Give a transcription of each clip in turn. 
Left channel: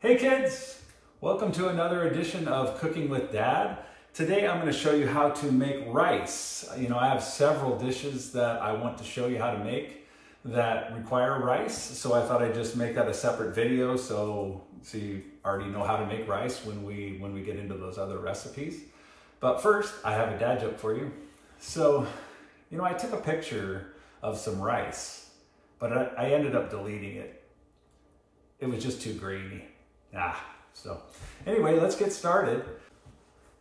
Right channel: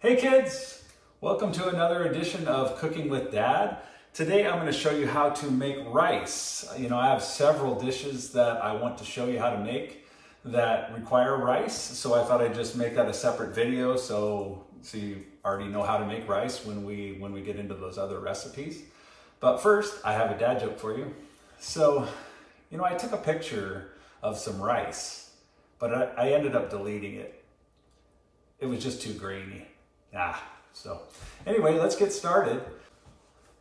Hey kids, welcome to another edition of Cooking with Dad. Today I'm going to show you how to make rice. I have several dishes that I want to show you how to make that require rice, so I thought I'd just make that a separate video so you already know how to make rice when we get into those other recipes. But first, I have a dad joke for you. So, I took a picture of some rice, but I ended up deleting it. It was just too grainy. So anyway, let's get started.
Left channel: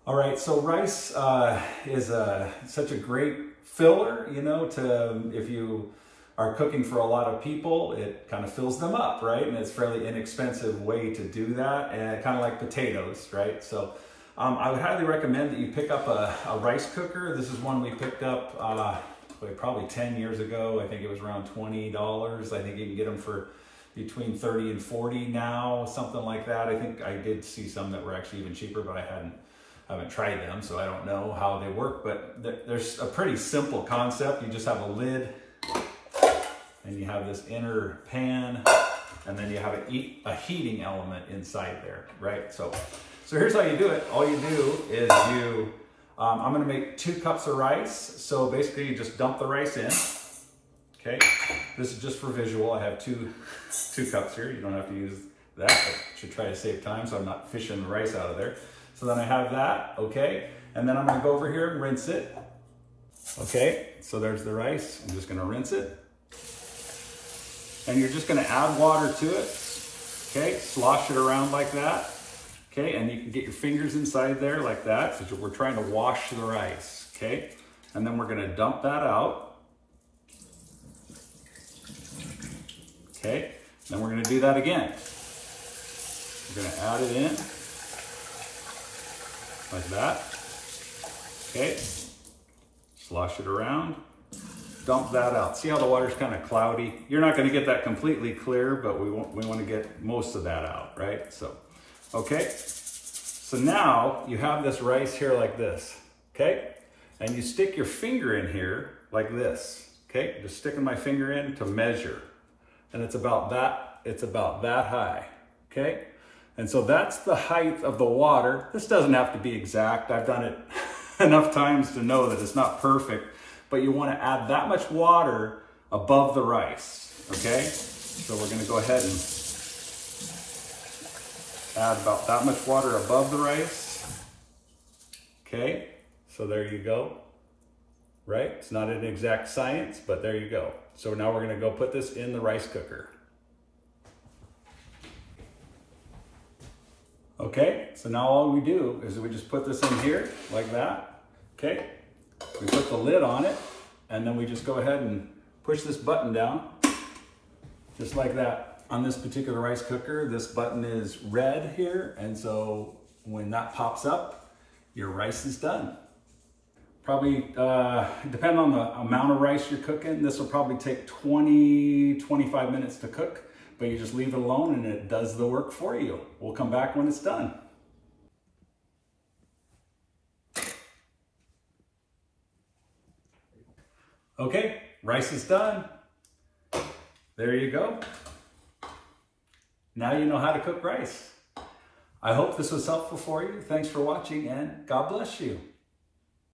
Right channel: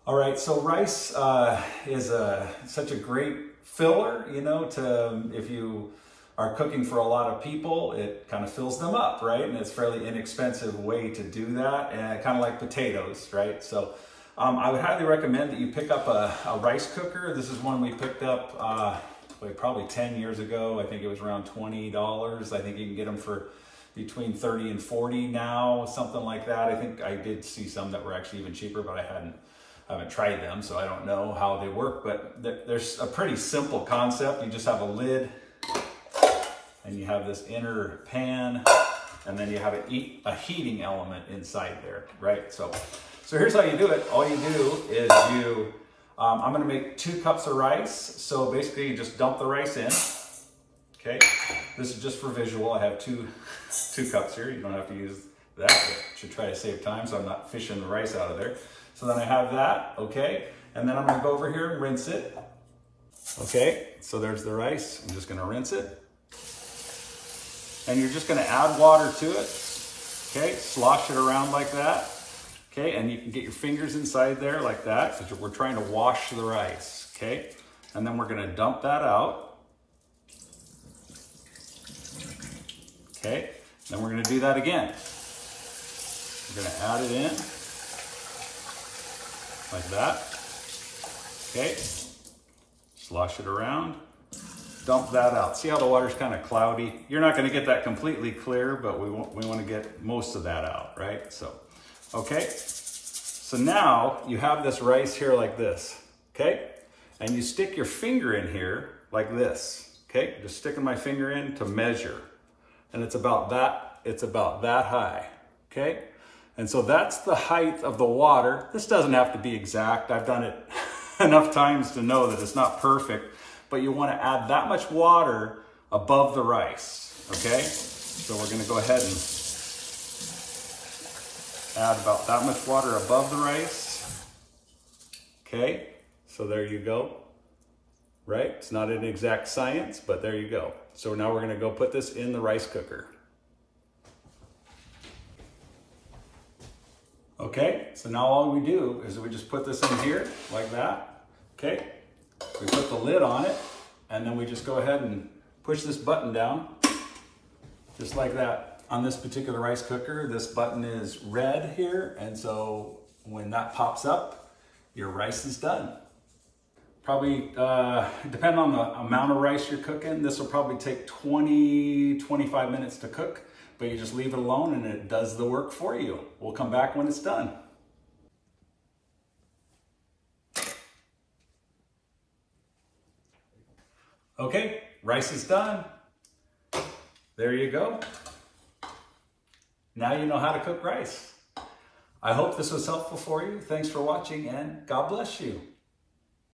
All right, so rice is such a great filler, if you are cooking for a lot of people, it kind of fills them up, right? And it's a fairly inexpensive way to do that, and kind of like potatoes, right? So I would highly recommend that you pick up a rice cooker. This is one we picked up probably 10 years ago. I think it was around $20. I think you can get them for between 30 and 40 now, something like that. I think I did see some that were actually even cheaper, but I haven't tried them, so I don't know how they work. But there's a pretty simple concept. You just have a lid, and you have this inner pan, and then you have a heating element inside there, right? So here's how you do it. All you do is I'm gonna make 2 cups of rice. So basically you just dump the rice in, okay? This is just for visual. I have two cups here. You don't have to use that. I should try to save time so I'm not fishing the rice out of there. So then I have that, okay? And then I'm gonna go over here and rinse it. Okay, so there's the rice. I'm just gonna rinse it. And you're just gonna add water to it, okay? Slosh it around like that, okay? And you can get your fingers inside there like that, because we're trying to wash the rice, okay? And then we're gonna dump that out. Okay, then we're gonna do that again. We're gonna add it in like that. Okay, slosh it around, dump that out. See how the water's kind of cloudy? You're not gonna get that completely clear, but we wanna get most of that out, right? So, okay. So now you have this rice here like this, okay? And you stick your finger in here like this, okay? Just sticking my finger in to measure. And it's about that high, okay? And so that's the height of the water. This doesn't have to be exact. I've done it enough times to know that it's not perfect, but you want to add that much water above the rice, okay? So we're gonna go ahead and add about that much water above the rice, okay? So there you go, right? It's not an exact science, but there you go. So now we're gonna go put this in the rice cooker. Okay, so now all we do is we just put this in here like that, okay? We put the lid on it, and then we just go ahead and push this button down, just like that. On this particular rice cooker, this button is red here, and so when that pops up, your rice is done. Probably, depending on the amount of rice you're cooking, this will probably take 20-25 minutes to cook, but you just leave it alone and it does the work for you. We'll come back when it's done. Okay, rice is done. There you go. Now you know how to cook rice. I hope this was helpful for you. Thanks for watching, and God bless you.